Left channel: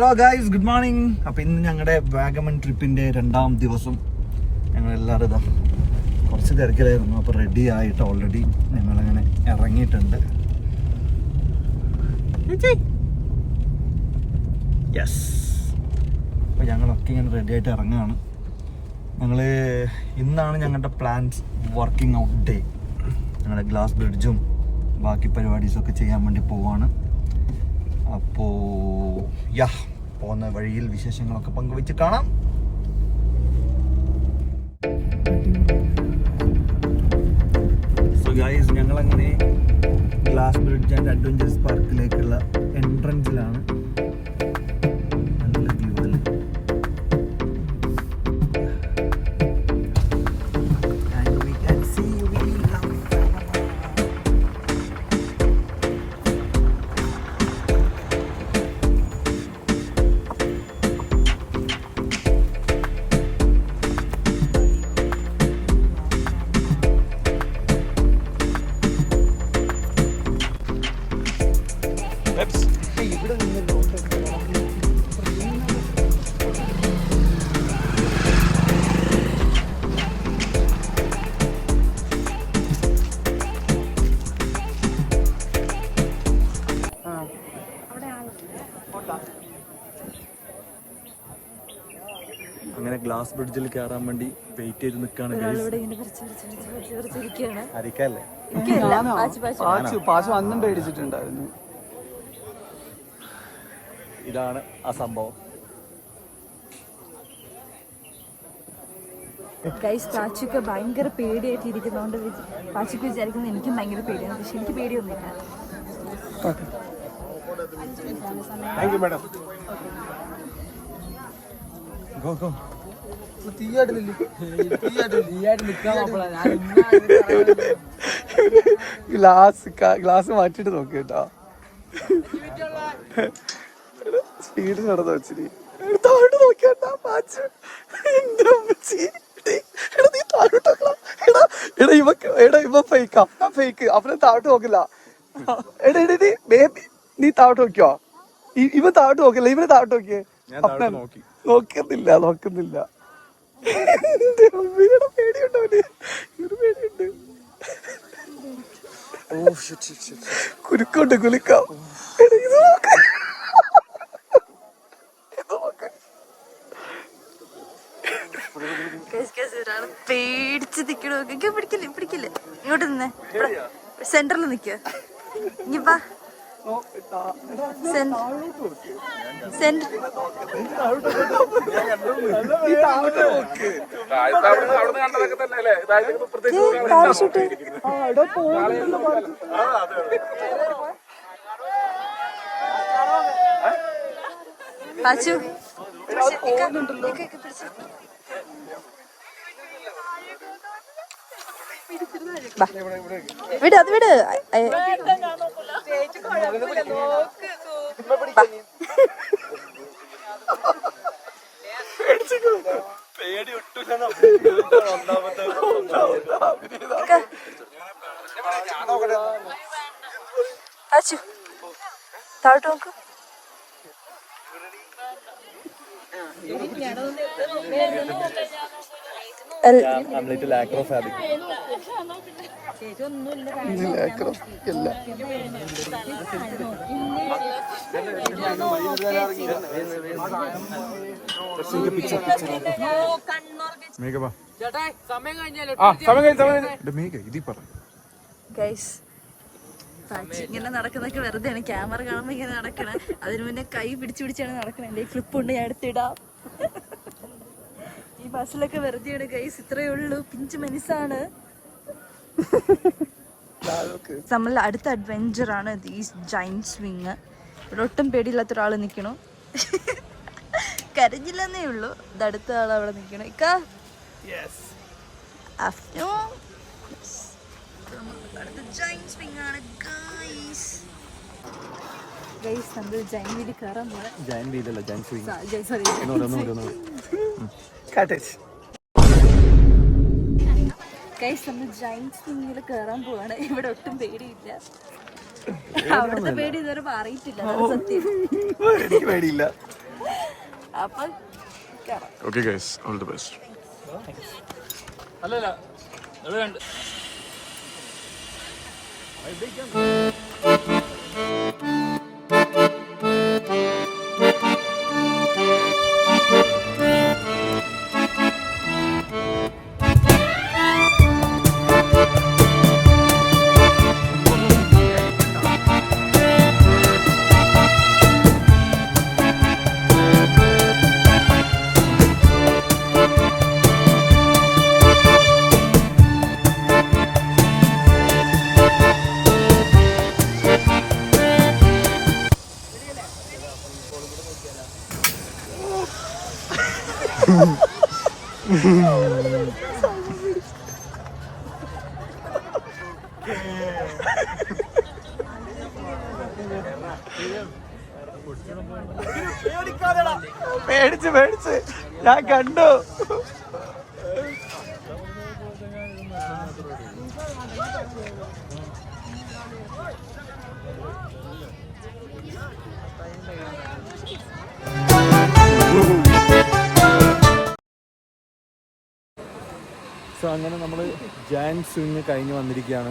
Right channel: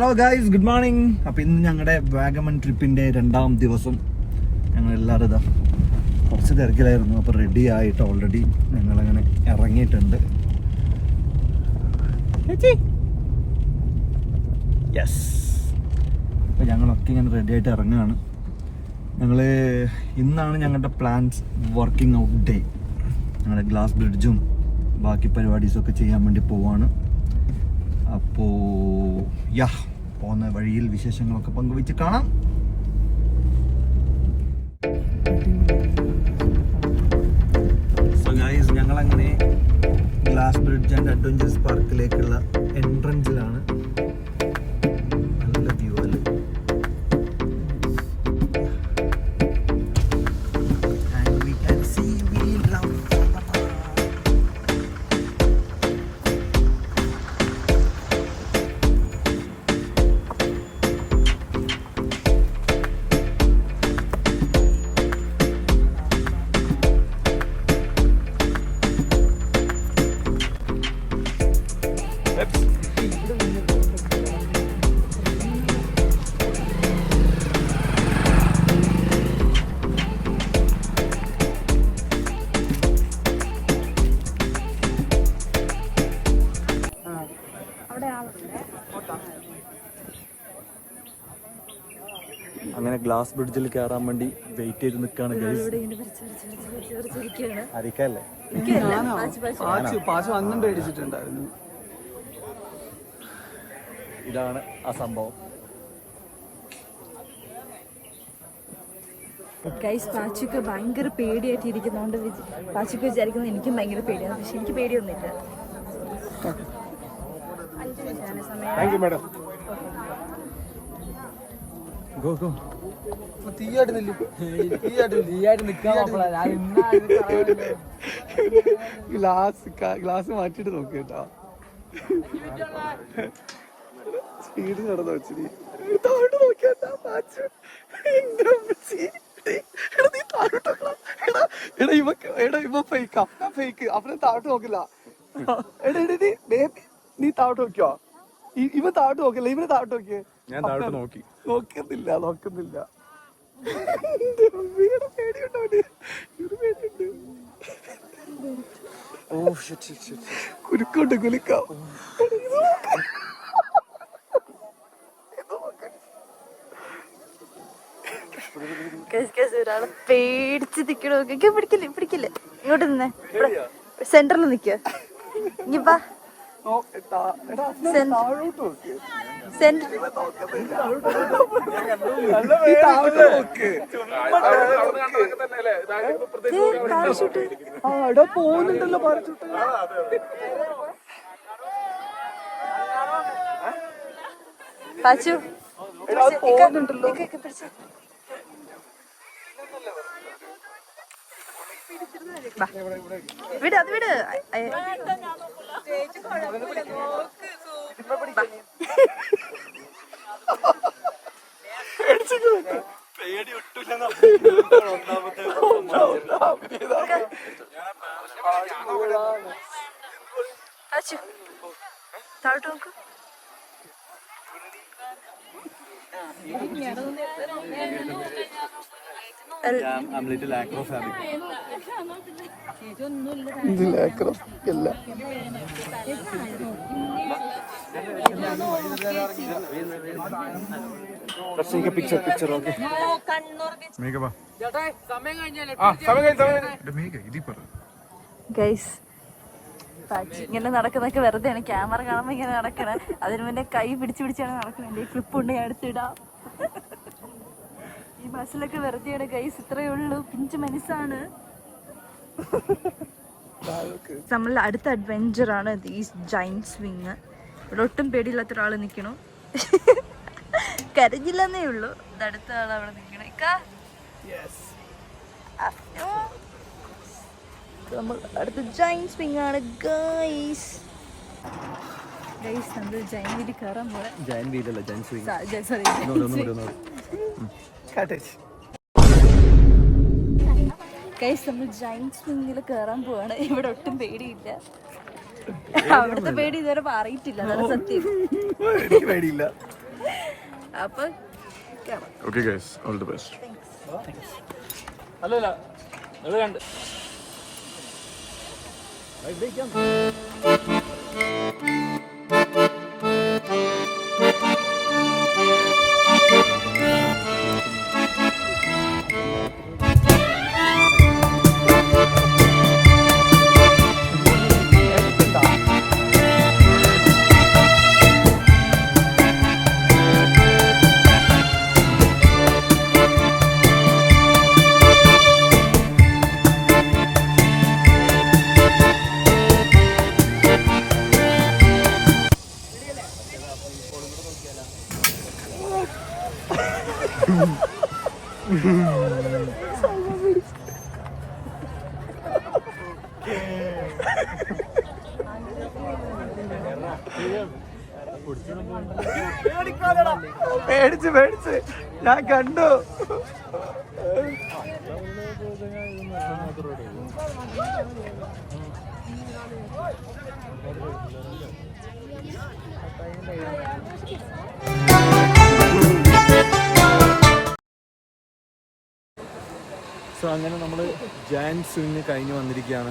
Hello guys, good morning. അപ്പോൾ ഇന്ന് ഞങ്ങളുടെ വാഗമൺ ട്രിപ്പിൻ്റെ 2ാം ദിവസം. ഞങ്ങളെല്ലാവരും ഇതാ കുറച്ച് തിരക്കിലായിരുന്നു. അപ്പോൾ റെഡി ആയിട്ട് ഓൾറെഡി ഞങ്ങളങ്ങനെ ഇറങ്ങിയിട്ടുണ്ട്. യെസ്, അപ്പോൾ ഞങ്ങളൊക്കെ ഇങ്ങനെ റെഡി ആയിട്ട് ഇറങ്ങുകയാണ്. ഇന്നാണ് ഞങ്ങളുടെ പ്ലാൻസ് വർക്കിംഗ് ഔട്ട് ഡേ. ഞങ്ങളുടെ ഗ്ലാസ് ബ്രിഡ്ജും ബാക്കി പരിപാടീസൊക്കെ ചെയ്യാൻ വേണ്ടി പോവാണ്. അപ്പോൾ പോകുന്ന വഴിയിൽ വിശേഷങ്ങളൊക്കെ പങ്കുവെച്ച് കാണാം. സോ ഗൈസ്, ഞങ്ങളങ്ങനെ ഗ്ലാസ് ബ്രിഡ്ജ് ആൻഡ് അഡ്വഞ്ചേഴ്സ് പാർക്കിലേക്കുള്ള എൻട്രൻസിലാണ്. നല്ല വ്യൂ അല്ലേ? അങ്ങനെ ഗ്ലാസ് ബ്രിഡ്ജിൽ കയറാൻ വേണ്ടി വെയിറ്റ് ചെയ്ത് നിൽക്കുകയാണ് ഗൈസ്. അരിക്കല്ലേ? ഇതാണ് ആ സംഭവം. ഗൈസ്, പാച്ചുക്ക് ഭയങ്കര പേടിയായിട്ട് ഇരിക്കുന്നതുകൊണ്ട് പാച്ചുക്ക് വിചാരിക്കുന്നത് എനിക്കും ഭയങ്കര പേടിയാണ്. പക്ഷെ എനിക്ക് പേടിയൊന്നുമില്ല. Thank you madam. Go go. Glass മാറ്റിട്ട് നോക്കി കേട്ടോ. സ്പീഡ് നടന്നു വെച്ചിട്ട് താഴോട്ട് നോക്കിയാട്ടാ. ഇവ ഫേക്ക് അവനെ താഴോട്ട് നോക്കില്ല. നീ താഴോട്ട് നോക്കിയോ? ഇവ താഴോട്ട് നോക്കില്ല, ഇവനെ താഴോട്ട് നോക്കിയേ. നോക്കുന്നില്ല. കുലുക്കുണ്ട്, കുലുക്കാം. പേടിച്ച് നിക്കണോ? പിടിക്കില്ല. ഇങ്ങോട്ട് നിന്നേ, സെന്ററിൽ നിക്ക. ഇനിപ്പാ പാരഷൂട്ട് പാച്ചു വിട്, അത് വിട്. പേടി ഒട്ടില്ല. പാച്ചു താഴോട്ട് നോക്കൂ. ഇങ്ങനെ നടക്കുന്നൊക്കെ വെറുതെയാണ്. ക്യാമറ കാണുമ്പോ ഇങ്ങനെ നടക്കണേ. അതിന് മുന്നേ കൈ പിടിച്ചാണ് നടക്കണേ. എന്റെ ക്ലിപ്പുണ്ട്, ഞാൻ എടുത്തിടാം. ഈ ബസ്സിലൊക്കെ വെറുതെയാണ് ഗൈസ്. ഇത്രയേ ഉള്ളൂ, പിഞ്ചു മനസ്സാണ്. നമ്മളുടെ അടുത്ത അഡ്വെഞ്ചർ ആണ് ഈ ജൈന്റ് സ്വിങ്. ഇവിടെ ഒട്ടും പേടിയില്ലാത്ത ഒരാൾ നിൽക്കണു. കരഞ്ഞില്ലെന്നേ ഉള്ളൂ. ഇത് അടുത്ത ആൾ അവിടെ നിൽക്കണം. നമ്മൾ അടുത്ത ജൈന്റ് സ്വിങ് ആണ് ഗൈസ്. നമ്മൾ ജൈന്റ് വീലിൽ കയറാൻ പോലെ. ജൈന്റ് വീലല്ല, ജൈന്റ് സ്വിങ്. സോറി. ഗൈസ്, നമ്മൾ ജൈന്റ് സ്വിങ്ങിൽ കയറാൻ പോവാണ്. ഇവിടെ ഒട്ടും പേടിയില്ല. അവിടുത്തെ പേടി ഇതുവരെ പറയിട്ടില്ല. പേടിയില്ല. അപ്പൊ okay guys, all the best. പേടിച്ച് ഞാൻ കണ്ടു. സോ അങ്ങനെ നമ്മൾ ജയന്റ് സ്വിങ് കഴിഞ്ഞ് വന്നിരിക്കുകയാണ്.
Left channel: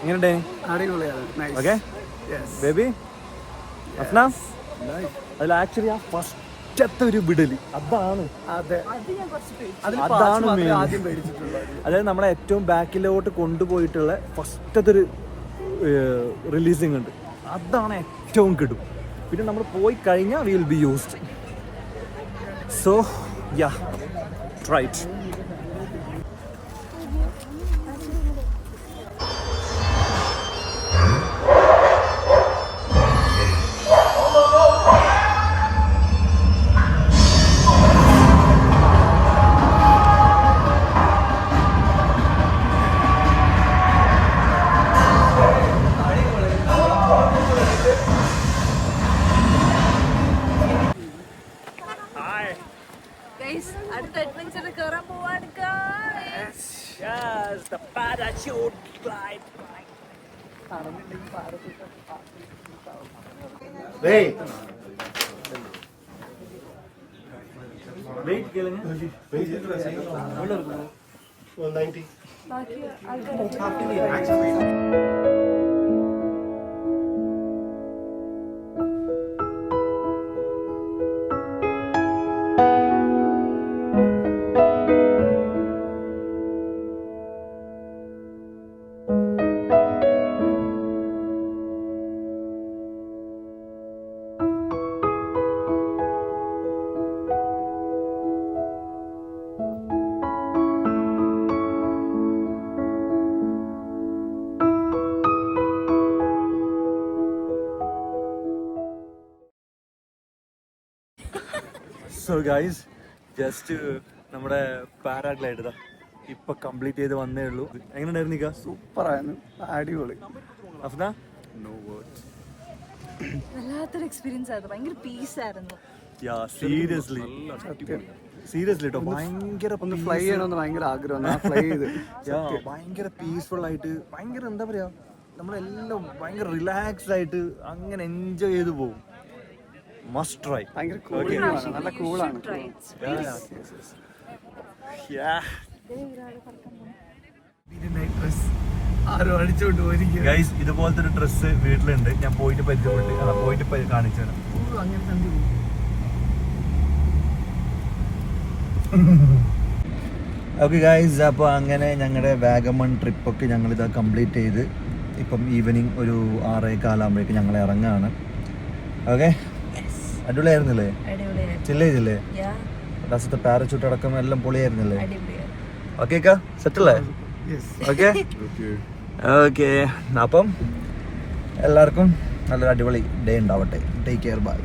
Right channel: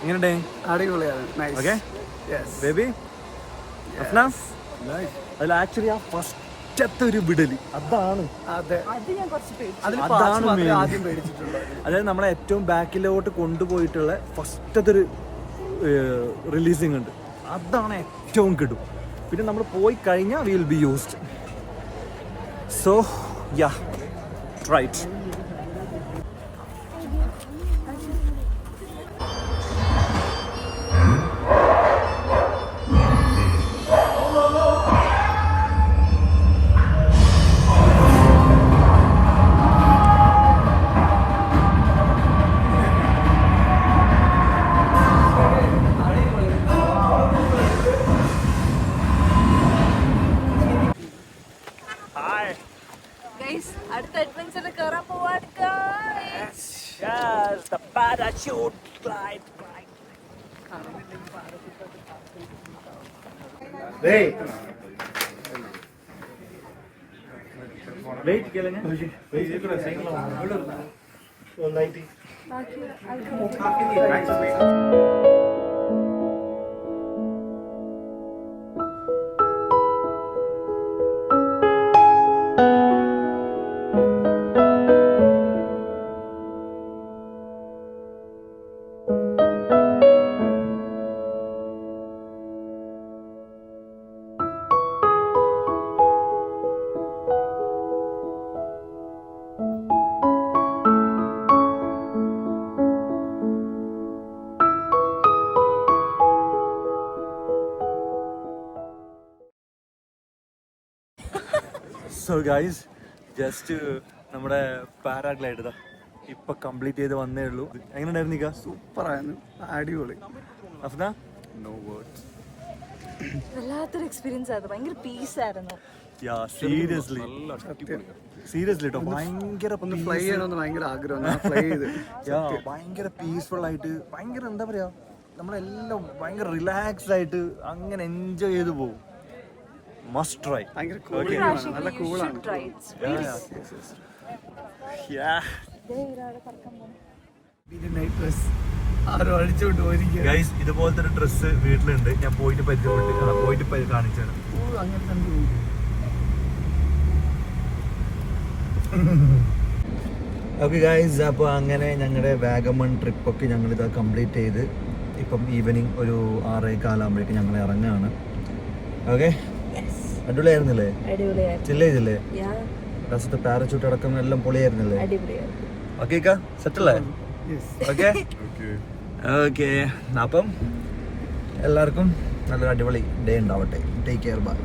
എങ്ങനെയുണ്ടേ? അടിപൊളിയാണ്. ഓക്കെ ബേബി അഫ്ന, അതിൽ ആക്ച്വലി ആ ഫസ്റ്റത്തെ ഒരു വിടല് അതാണ് ആദ്യം പേടിച്ചിട്ടുള്ളത്. അതായത് നമ്മളെ ഏറ്റവും ബാക്കിലോട്ട് കൊണ്ടുപോയിട്ടുള്ള ഫസ്റ്റത്തെ ഒരു റിലീസിങ് ഉണ്ട്, അതാണ് ഏറ്റവും കിടും. പിന്നെ നമ്മൾ പോയി കഴിഞ്ഞാൽ will be used. So yeah, right. അടുത്ത അഡ്വഞ്ചറിൽ കയറാൻ പോവാണ്. ബാക്കി സോ ഗൈസ്, ജസ്റ്റ് നമ്മുടെ പാരാഗ്ലൈഡ് ഇതാ ഇപ്പൊ കംപ്ലീറ്റ് ചെയ്ത് വന്നേ ഉള്ളൂ. എങ്ങനെയുണ്ടായിരുന്നു നിക്ക? സൂപ്പറായിരുന്നു, അടിപൊളി. അഫ്ന? No words. വല്ലാത്തൊരു എക്സ്പീരിയൻസ് ആയിരുന്നു. ഭയങ്കര പീസ് ആയിരുന്നു. യാ, സീരിയസ്ലി കേട്ടോ, ഭയങ്കര ഫ്ലൈ ചെയ്യണമെന്ന് ഭയങ്കര ആഗ്രഹം. ഫ്ലൈ ചെയ്ത് ഭയങ്കര പീസ്ഫുൾ ആയിട്ട്, ഭയങ്കര എന്താ പറയാ, നമ്മളെല്ലാം ഭയങ്കര റിലാക്സ്ഡ് ആയിട്ട് അങ്ങനെ എൻജോയ് ചെയ്ത് പോകും. Must try. ഭയങ്കര കൂളാണ്, നല്ല കൂളാണ്. ഗൈസ്, ഇതുപോലത്തെ ഒരു ഡ്രസ്സ് വീട്ടിലുണ്ട്, ഞാൻ പോയിട്ട് പരിചയപ്പെട്ട് പോയിട്ട് കാണിച്ചാണ്. ഓക്കെ ഗൈസ്, അപ്പോൾ അങ്ങനെ ഞങ്ങളുടെ വാഗമൺ ട്രിപ്പൊക്കെ ഞങ്ങളിത് കംപ്ലീറ്റ് ചെയ്ത് ഇപ്പം ഈവനിങ് ഒരു 6:15 ഞങ്ങൾ ഇറങ്ങുകയാണ്. ഓക്കെ, അടിപൊളിയായിരുന്നില്ലേ? ചില്ല ചെയ്തില്ലേ? ലാസ്റ്റത്തെ പാരച്യൂട്ട് അടക്കം എല്ലാം പൊളിയായിരുന്നില്ലേ? ഓക്കെ സെറ്റല്ലേ? ഓക്കെ ഓക്കെ, അപ്പം എല്ലാവർക്കും നല്ലൊരു അടിപൊളി ഡേ ഉണ്ടാവട്ടെ. Take care, by.